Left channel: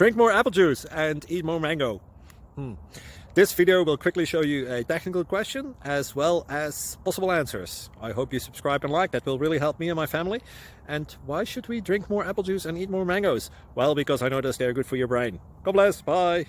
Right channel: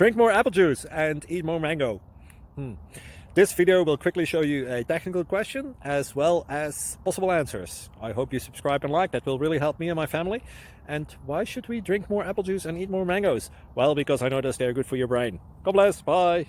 Drink more apple juice and eat more mango. This video will quickly show you a technical question as well as possible answers. I hope you subscribe and like, that will really help me and my family. And why should we drink more apple juice and eat more mangoes? Well, because I noticed they're good for your brain. God bless, bye!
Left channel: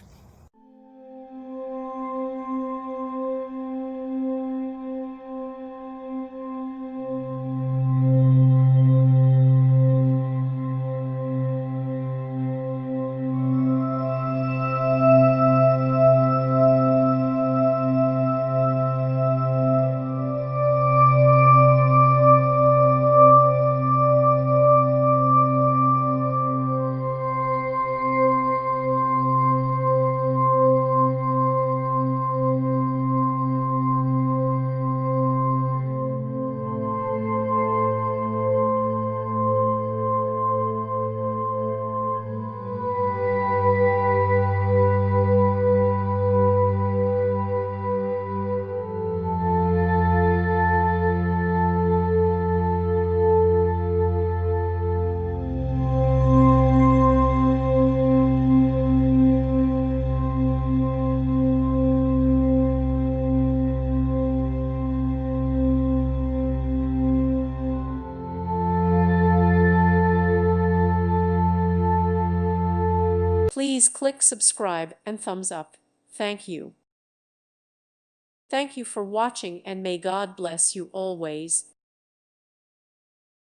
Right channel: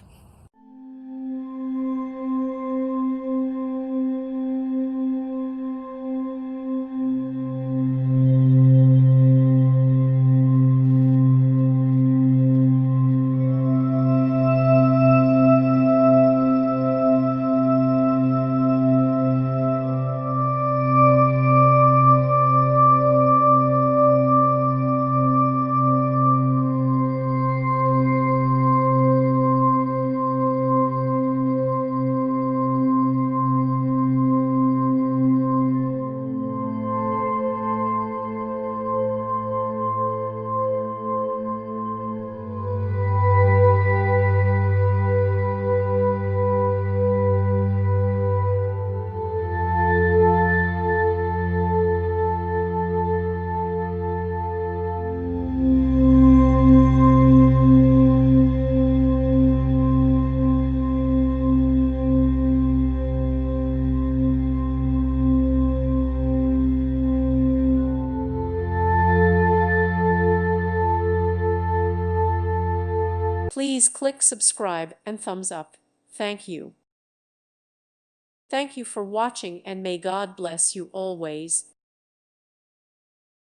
Please click subscribe and thumbs up. Thank you. Thank you for watching, and may God bless you always.